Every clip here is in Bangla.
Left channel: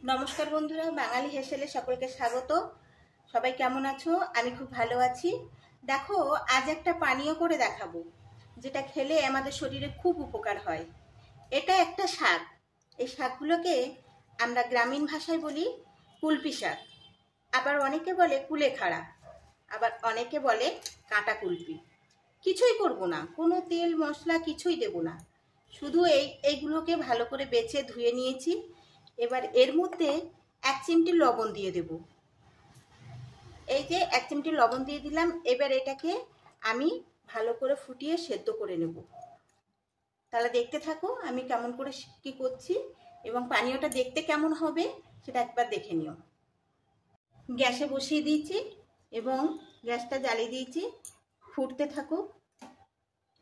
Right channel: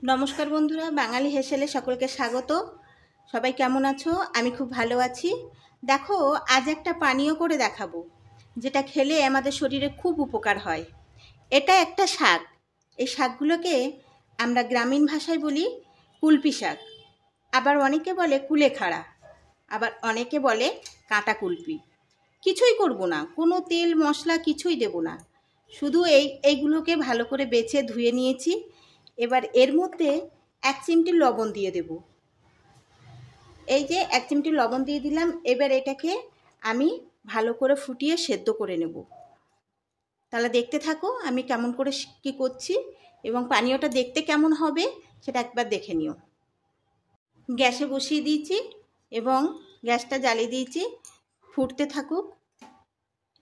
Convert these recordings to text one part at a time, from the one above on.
नमस्कार बंधुरा बांगाली हेसेले सकलके स्वागत। सबाई केमन आछो? आमी खूब भालो आछि। देखो आज एक पानीय करे देखाबो जेटा खेले आमादेर शरीरे खूब उपकार हय। एटा एकटा शाक। এই শাকগুলোকে আমরা গ্রামীণ ভাষায় বলি কুলপি শাক, আবার অনেকে বলে কুলেখাড়া, আবার অনেকে বলে কাঁটা কুলপি। কিছুই করব না, কোনো তেল মশলা কিছুই দেব না, শুধু এইগুলোকে ভালো করে বেছে ধুয়ে নিয়েছি। এবার এর মধ্যে 1 চিমটি লবণ দিয়ে দেব। এই যে 1 চিমটি লবণ দিয়ে দিলাম। এবার এটাকে আমি ভালো করে ফুটিয়ে সেদ্ধ করে নেব। তাহলে দেখতে থাকো আমি কেমন করে কি করছি এবং পানীয়টা দেখতে কেমন হবে সেটা একবার দেখে নিও। গ্যাসে বসিয়ে দিয়েছি এবং গ্যাসটা জ্বালিয়ে দিয়েছি। ফুটতে থাকুক,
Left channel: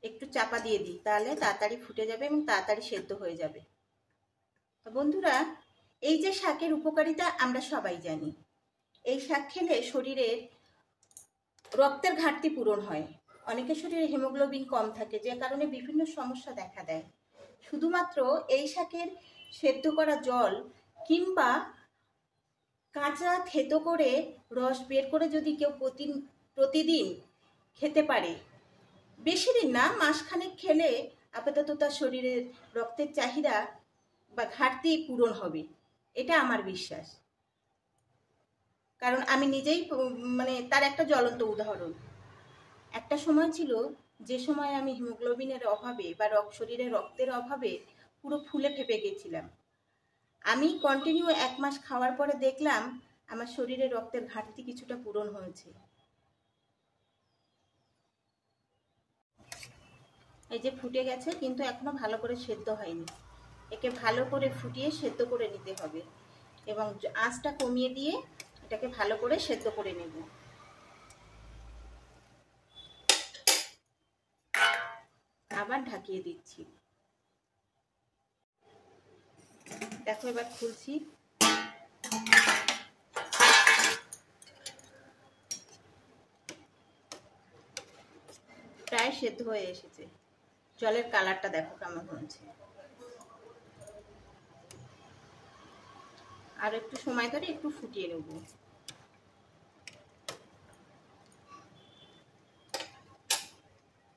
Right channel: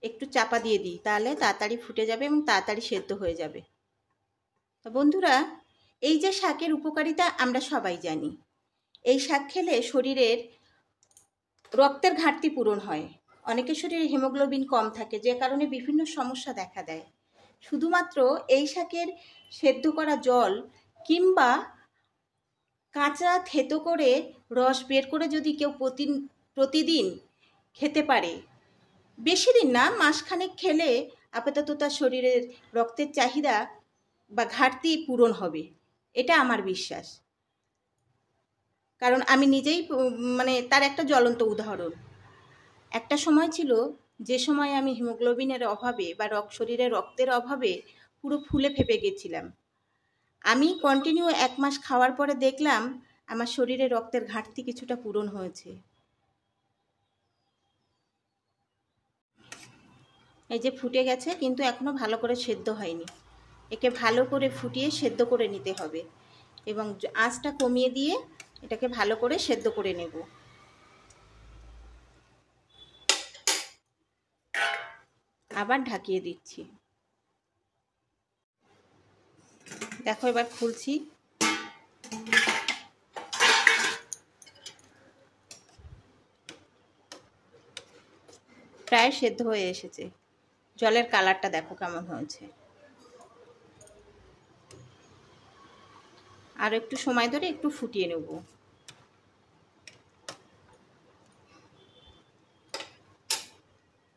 একটু চাপা দিয়ে দিই, তাহলে তাড়াতাড়ি ফুটে যাবে এবং তাড়াতাড়ি সেদ্ধ হয়ে যাবে। তো বন্ধুরা, এই যে শাকের উপকারিতা আমরা সবাই জানি। এই শাক খেলে শরীরের রক্তের ঘাটতি পূরণ হয়। অনেকের শরীরে হিমোগ্লোবিন কম থাকে, যে কারণে বিভিন্ন সমস্যা দেখা দেয়। শুধুমাত্র এই শাকের সেদ্ধ করা জল কিংবা কাঁচা থেতো করে রস বের করে যদি কেউ প্রতিদিন খেতে পারে, বেশি দিন না, মাসখানেক খেলে আপাতত তার শরীরের রক্তের চাহিদা বা ঘাটতি পূরণ হবে, এটা আমার বিশ্বাস। কারণ আমি নিজেই তার একটা জ্বলন্ত উদাহরণ। একটা সময় ছিল যে সময় আমি হিমোগ্লোবিনের অভাবে বা শরীরে রক্তের অভাবে পুরো ফুলে ফেপে গেছিলাম। আমি কন্টিনিউ 1 মাস খাওয়ার পরে দেখলাম আমার শরীরে রক্তের ঘাটতি কিছুটা পূরণ হয়েছে। এই যে ফুটে গেছে, কিন্তু এখনো ভালো করে সেদ্ধ হয়নি। একে ভালো করে ফুটিয়ে সেদ্ধ করে নিতে হবে এবং আঁচটা কমিয়ে দিয়ে এটাকে ভালো করে সেদ্ধ করে নেব। আবার ঢাকিয়ে দিচ্ছি। দেখো এবার খুলছি। প্রায় সেদ্ধ হয়ে এসেছে। জলের কালারটা দেখো কেমন হয়েছে। আর একটু সময় ধরে একটু ফুটিয়ে নেব।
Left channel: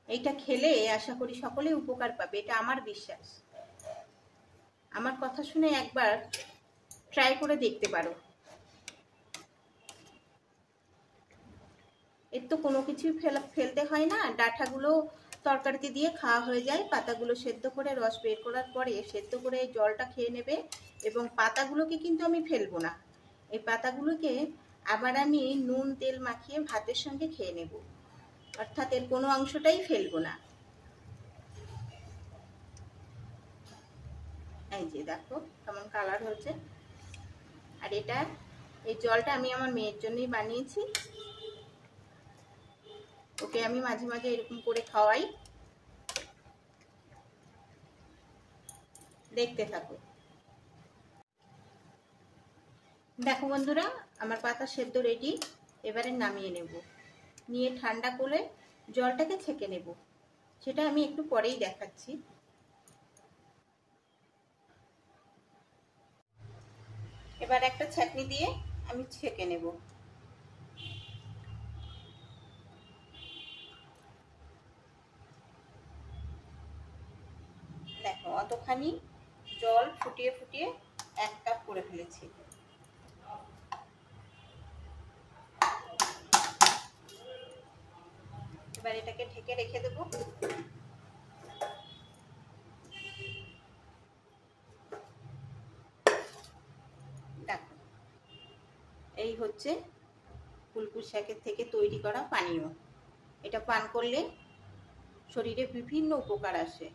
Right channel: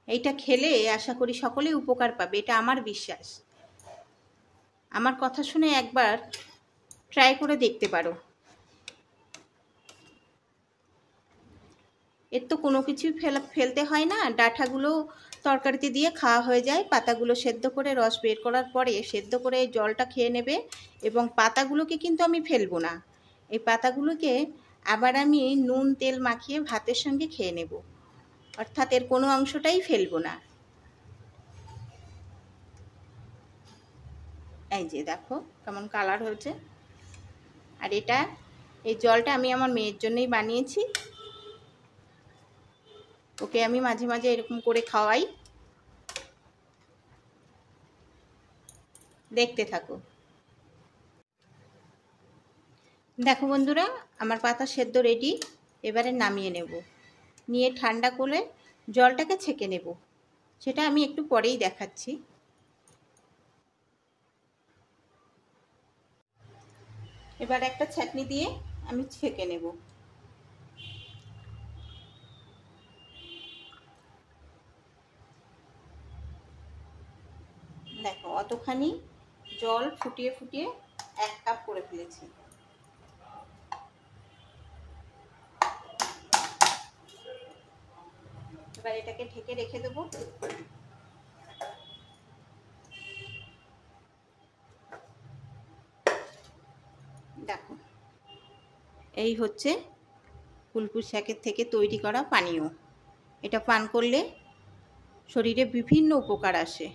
এইটা খেলে আশা করি সকলেই উপকার পাবে, এটা আমার বিশ্বাস। আমার কথা শুনে একবার ট্রাই করে দেখতে পারো। এর তো কোনো কিছুই ফেলতে হয় না, ডাঁটাগুলো তরকারিতে দিয়ে খাওয়া হয়ে যায়। পাতাগুলো সেদ্ধ করে রস বের করার পরে সেদ্ধ করে জলটা খেয়ে নেবে এবং পাতাগুলোকে কিন্তু আমি ফেলবো না। এই পাতাগুলোকে আবার আমি নুন তেল মাখিয়ে ভাতের সঙ্গে খেয়ে নেব, অর্থাৎ এর কোনো অংশটাই ফেলবো না। এই যে দেখো কেমন কালার হয়েছে। আর এই জলটা আমি আমার মেয়ের জন্যই বানিয়েছি। ওকে আমি মাঝে মাঝে এরকম করে খাওয়াই। দেখতে থাকো। দেখো বন্ধুরা, আমার পাতা সেদ্ধ রেডি। এবারে নামিয়ে নেব। নিয়ে ঠান্ডা করে জলটাকে ছেঁকে নেব, সেটা আমি একটু পরেই দেখাচ্ছি। এবার একটা ছাঁকনি দিয়ে আমি ছেঁকে নেব। দেখো অতখানি জল ফুটিয়ে ফুটিয়ে 1 কাপ করে ফেলেছি। এবার এটাকে ঢেকে রেখে দেব। দেখো এই হচ্ছে কুলপি শাকের থেকে তৈরি করা পানীয়। এটা পান করলে শরীরে বিভিন্ন উপকার আসে।